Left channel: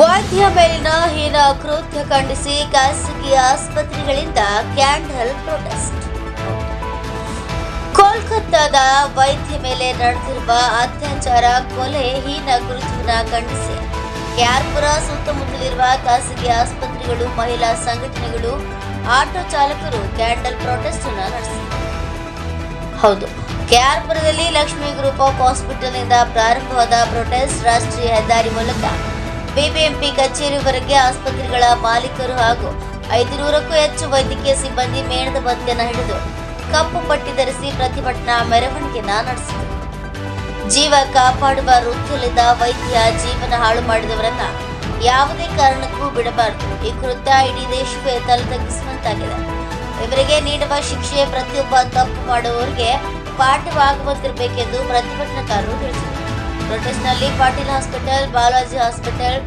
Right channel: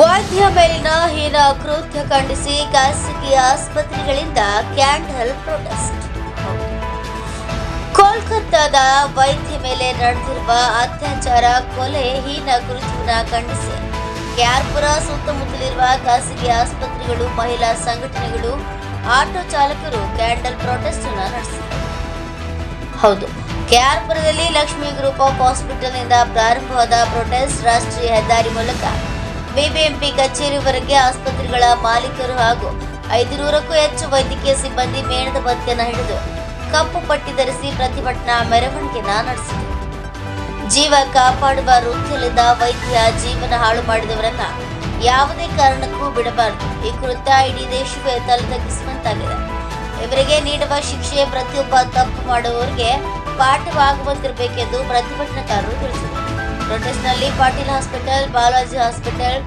ವೈದ್ಯ ಮೇಲಿನ ಹೀನ ಕೃತ್ಯ ಖಂಡಿಸಿ ಖಾಸಗಿ ಆಸ್ಪತ್ರೆಗಳಿಂದ ಕ್ಯಾಂಡಲ್ ಪ್ರೊಟೆಸ್ಟ್. ಕೋಲ್ಕತ್ತಾದ ವೈದ್ಯ ಮೇಲೆ ನಡೆದಿರುವ ಅತ್ಯಾಚಾರ, ಕೊಲೆ, ಹೀನ ಕೃತ್ಯವನ್ನು ಖಂಡಿಸಿ ಕೆಆರ್ಪುರ ಸುತ್ತಮುತ್ತಲಿರುವ ಖಾಸಗಿ ಆಸ್ಪತ್ರೆಗಳು, ಮಹಿಳಾ ಸಂಘಟನೆಗಳು, ಆಟೋ ಚಾಲಕರು ಕ್ಯಾಂಡಲ್ ಪ್ರೊಟೆಸ್ಟ್ ಅನ್ನು ನಡೆಸಿದರು. ಹೌದು, ಕೆಆರ್ಪುರದಲ್ಲಿ ಲಕ್ಷ್ಮೀ ಗ್ರೂಪ್ ಆಫ್ ಹಾಸ್ಪಿಟಲ್ನಿಂದ ಪ್ರಾರಂಭವಾದ ಪ್ರೊಟೆಸ್ಟ್ ರಾಷ್ಟ್ರೀಯ ಹೆದ್ದಾರಿ ಮೂಲಕ ಬಿಬಿಎಂಪಿ ಕಚೇರಿವರೆಗೆ ಆಸ್ಪತ್ರೆಗಳ ಮಾಲೀಕರು ಹಾಗೂ 500ಕ್ಕೂ ಹೆಚ್ಚು ವೈದ್ಯಕೀಯ ಸಿಬ್ಬಂದಿ ಮೇಣದ ಬತ್ತಿಯನ್ನು ಹಿಡಿದು ಕಪ್ಪು ಪಟ್ಟಿ ಧರಿಸಿ ಪ್ರತಿಭಟನಾ ಮೆರವಣಿಗೆಯನ್ನು ನಡೆಸಿದರು. ಜೀವ ಕಾಪಾಡುವ ವೃತ್ತಿಯಲ್ಲಿದ್ದ ವೈದ್ಯ ಜೀವನ ಹಾಳು ಮಾಡಿದವರನ್ನ ಯಾವುದೇ ಕಾರಣಕ್ಕೂ ಬಿಡಬಾರದು. ಈ ಕೃತ್ಯ ಇಡೀ ದೇಶವೇ ತಲೆತಗ್ಗಿಸುವಂತಾಗಿದೆ. ಇವರಿಗೆ ನೀಡುವ ಶಿಕ್ಷೆ ಪ್ರತಿಯೊಬ್ಬ ತಪ್ಪು ಮಾಡುವವರಿಗೆ ಪಾಠವಾಗುವಂತಿರಬೇಕೆಂದು ಪ್ರತಿಭಟನಾಕಾರರು ತಿಳಿಸಿದರು. ಪ್ರೊಟೆಸ್ಟ್ನಲ್ಲಿ Patil hospital, Balaji hospital,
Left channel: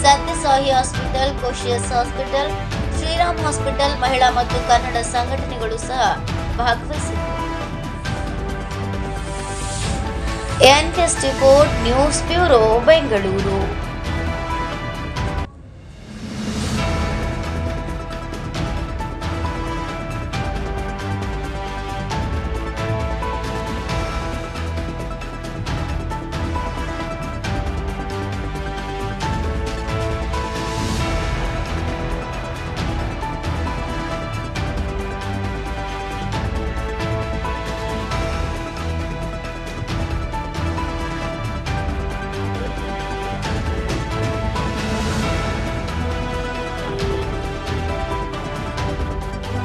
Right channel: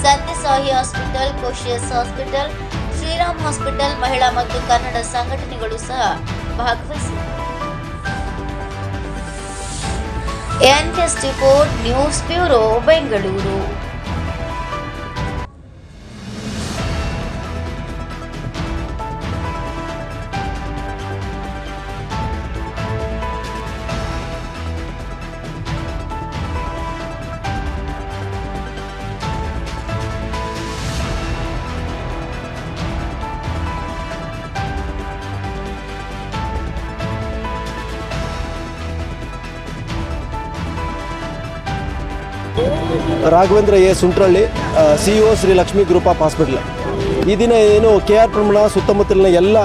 Sathya Sai hospital, Koshy's hospital, Shriram hospital, ಮಹಿಳಾ ಮತ್ತು ಕನ್ನಡ ಸಂಘಟನೆಗಳು ಸಹ ಭಾಗವಹಿಸಿದರು. NK news bureau, Bengaluru. Raghavendra A Suntralli, CEO Shri Lakshmi group of hospital. ಈ ದಿನ ಏನು ಕೆಆರ್ಪುರ ಸುತ್ತಮುತ್ತಲಿನ ಎಲ್ಲ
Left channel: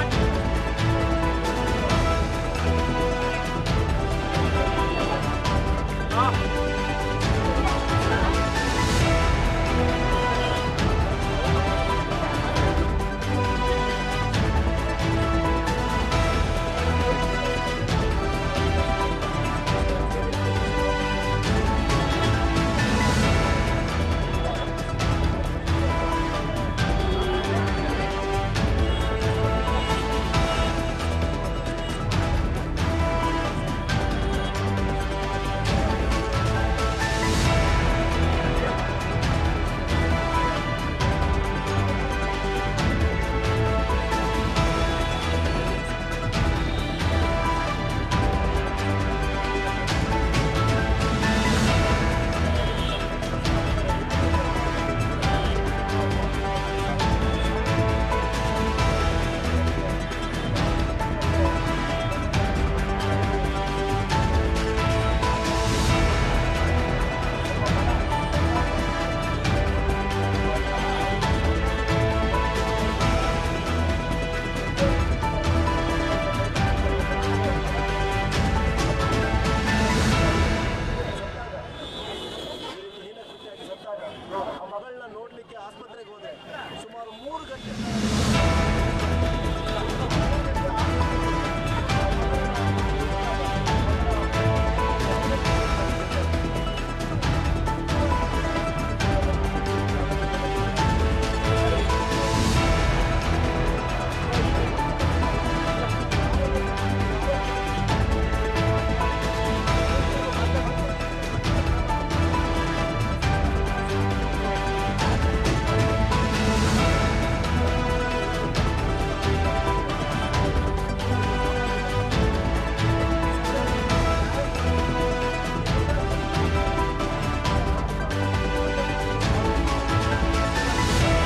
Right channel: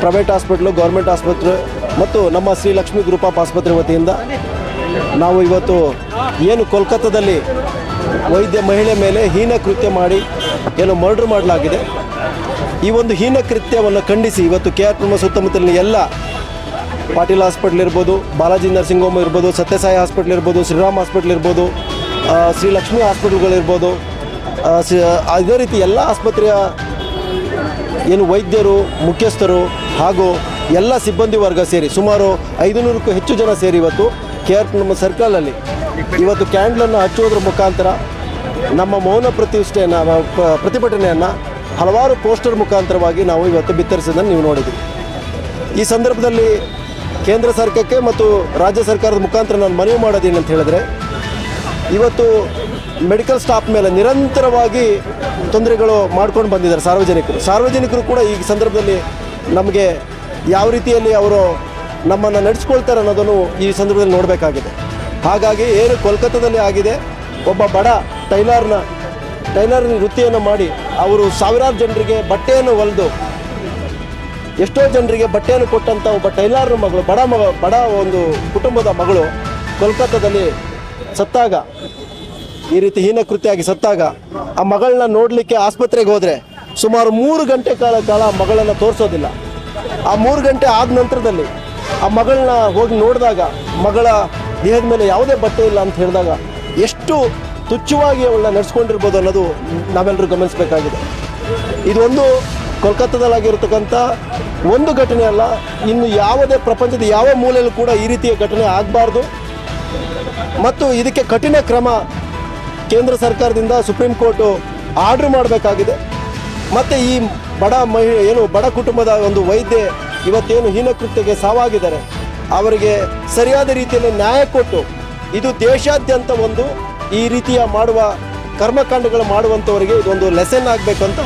ಪ್ರೈವೇಟ್ ಹಾಸ್ಪಿಟ್ಲು, ಗೌರ್ಮೆಂಟ್ ಆಸ್ಪತ್ರೆ ಮತ್ತು ನಮ್ಮ ಶ್ರೀ ಲಕ್ಷ್ಮೀ ಗ್ರೂಪ್ ಆಫ್ ಆಸ್ಪತ್ರೆ ವತಿಯಿಂದ ನಾವು ಇವತ್ತು ಏನು ಕೋಲ್ಕತ್ತಾದಲ್ಲಿ ವೈದ್ಯ ಮಹಿಳೆ ಮೇಲೆ ಹೀನ ಕೃತ್ಯ ಮಾಡಿ ಏನು ಮರ್ಡರ್ ಮಾಡಲಾಗಿದೆ, ಈ ಒಂದು ಹೀನ ಕೃತ್ಯವನ್ನು ಖಂಡಿಸಿ ಇವತ್ತು ಕೆಆರ್ಪುರ ಸುತ್ತಮುತ್ತಲಿನ ಎಲ್ಲ ಪಾಟೀಲ್ ಹಾಸ್ಪಿಟ್ಲ್ ಇರ್ಬೋದು, ಬಾಲಾಜಿ ನರ್ಸಿಂಗ್ ಹೋಮ್ ಇರ್ಬೋದು, ಸತ್ಯಸಾಯಿ ಹಾಸ್ಪಿಟ್ಲ್ ಇರ್ಬೋದು, ಶ್ರೀರಾಮ್ ಹಾಸ್ಪಿಟ್ಲ್ ಇರ್ಬೋದು, ಶ್ರೀ ಲಕ್ಷ್ಮೀ ಹಾಸ್ಪಿಟಲ್ಗಳಿರ್ಬೋದು, ಅದೇ ರೀತಿ ಎಲ್ಲ ಆಸ್ಪತ್ರೆಯ ಏನು ವೈದ್ಯರು, ಮುಖ್ಯಸ್ಥರು ಹಾಗೂ ಎಲ್ಲ ಸಿಬ್ಬಂದಿ ವರ್ಗ ಸೇರಿ ಸುಮಾರು 500ಕ್ಕೂ ಹೆಚ್ಚು ಜನ ಸೇರಿ ಇವತ್ತು ಕೆಆರ್ಪುರ ಸರ್ಕಲಲ್ಲಿ ಇವತ್ತು ಕ್ಯಾಂಡಲನ್ನು ಹಚ್ಚುವುದರ ಮುಖಾಂತರ ನಮ್ಮ ಮೌನ ಪ್ರತಿಭಟನೆಯನ್ನು ಹಲವಾರು ಪೋಸ್ಟರ್ ಮುಖಾಂತರವಾಗಿ ನಾವು ಇವತ್ತು ಬಿತ್ತರಿಸಿದ್ದನ್ನು ನೀವು ನೋಡಿದ್ದೀವಿ. ಈ ಸಂದರ್ಭದಲ್ಲಿ ಕೇಂದ್ರ ಸರ್ಕಾರಕ್ಕೆ ಮತ್ತು ರಾಜ್ಯ ಸರ್ಕಾರದ ಮುಖಾಂತರ ನಾನು ಮನವಿ ಮಾಡೋದೇನಂತ ಹೇಳಿದ್ರೆ, ಇವತ್ತು ಮೆಡಿಕಲ್ ಸ್ಟಾಫ್ ಮೇಲೆ ನಿರಂತರವಾಗಿ ತೊಂದರೆಗಳು ಮಾಡ್ಕೊಂಡು ಬಂದಿದ್ದಾರೆ ಸಾರ್ವಜನಿಕರು ಕೂಡ ಈ ಸಂದರ್ಭದಲ್ಲಿ ನಮಗೆ ಯಾವ ರೀತಿಯಲ್ಲಿ ಅವರು ನಮ್ಮನ್ನು ನಡೆಸ್ಕೊಳ್ತಾರೆ ಅನ್ನೋದನ್ನು ಈ ಸಂದರ್ಭದಲ್ಲಿ ನೋಡಬೇಕಾಗಿದೆ. ಹಾಗಾಗಿ ಏನು ಕೋಲ್ಕತ್ತಾದಲ್ಲಿ ಆಗಿದೆ, ಒಬ್ಬ ಬಡ ಟೈಲರ್ ವೃತ್ತಿಯನ್ನು ಮಾಡಿ ಅವರು ಸಾವಿರಾರು ಜನರಿಗೆ ಬಟ್ಟೆಯನ್ನು ಹೊಲಿದು ಎಷ್ಟೋ ಜನರಿಗೆ ಬಟ್ಟೆಯನ್ನು ಕೊಟ್ಟಂಥ ಒಬ್ಬ ಟೈಲರ್ ಮಗಳು, ಬಡ ಒಂದು ಕುಟುಂಬದ ಮಗಳು ಕೋಲ್ಕತ್ತಾದಲ್ಲಿ ಸತ್ತಾಗ, ಈ ರೀತಿ ಹೀನ ಕೃತ್ಯ ಆಗಿ ಸತ್ತಾಗ ಆ ಮಗಳನ್ನ ನೋಡಲಿಕ್ಕೆ ಆಸ್ಪತ್ರೆಗೆ ಹೋದರೆ ಸುಮಾರು 3 ಗಂಟೆ ಕಾಲ ಮಗಳನ್ನು ತೋರಿಸೋದಿಲ್ಲ. ಆ 3 ಗಂಟೆ ಆದ ನಂತರದಲ್ಲಿ ಆ ಮಗಳನ್ನ ಹೋಗಿ ನೋಡಿದಾಗ ಮಗಳ ದೇಹದ ಮೇಲೆ ಯಾವುದೇ ಬಟ್ಟೆ ಇಲ್ಲ ಅಂತ ಹೇಳಿದಾಗ ಎಷ್ಟು ತುಚ್ಛವಾಗಿ ಅವಳನ್ನ ನಡೆಸ್ಕೊಂಡಿರ್ಬೋದು ಅನ್ನೋದು ನಾವೆಲ್ಲರೂ ಗಮನಿಸಬೇಕಾಗಿದೆ. ಇದೊಂದು ಕೋಲ್ಕತ್ತಾದಲ್ಲಾಗಿರ್ತಕ್ಕಂಥ ಒಂದು ಘಟನೆ ಅಲ್ಲ, ಇನ್ನು ಯಾವುದೇ ಪ್ರಪಂಚದ ಯಾವ ಮೂಲೆಯಲ್ಲೂ ಕೂಡ ಈ ರೀತಿಯ ಘಟನೆ ಆಗಬಾರ್ದು ಮತ್ತು ಇದಕ್ಕೆ ಕಠಿಣ ಕ್ರಮ ಕೇಂದ್ರ ಸರ್ಕಾರದಿಂದ ಸುಪ್ರೀಂ ಕೋರ್ಟು ಆರ್ಡರ್ ಮಾಡಬೇಕಾಗಿದೆ. ಮತ್ತು ಈ ಬಡ ಕುಟುಂಬದ ಒಂದು ವೈದ್ಯ ಇವತ್ತೇನು ಹೀನಕೃತ್ಯಕ್ಕೆ ಸಾವಾಗಿದ್ದಾರೆ ಅವರಿಗೆ ಸರಿಯಾದ ರೀತಿಯಲ್ಲಿ ನ್ಯಾಯ ಕೊಟ್ಟು ಇದು ದೇಶಾದ್ಯಂತ ಒಂದು ಈ ರೀತಿಯ ಮಾಡುವ ಕರ್ಮಕಾಂಡಗಳು ಮಾಡುವಂಥವರಿಗೆ ಇದೊಂದು ಲೆಸನ್ ಆಗಬೇಕಂತ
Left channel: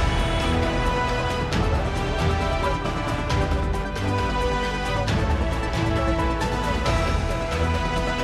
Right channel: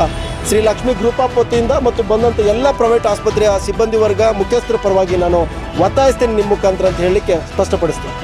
ಶ್ರೀ ಲಕ್ಷ್ಮೀ ಗ್ರೂಪ್ ಆಫ್ ವತಿಯಿಂದ ಮತ್ತು ಬಂದಂಥ ಎಲ್ಲ ಪ್ರೈವೇಟ್ ಆಸ್ಪತ್ರೆಯ ಸಿಬ್ಬಂದಿ ವರ್ಗ, ಮುಖ್ಯಸ್ಥರ ಪರವಾಗಿ ನಾನು ಒತ್ತಾಯಿಸ್ತೇನೆ ನಿಮ್ಮ ಮುಖಾಂತರ ಅಂತ ಹೇಳಲಿಕ್ಕೆ ಸ್ಪಷ್ಟಪಡಿಸ್ತೇನೆ.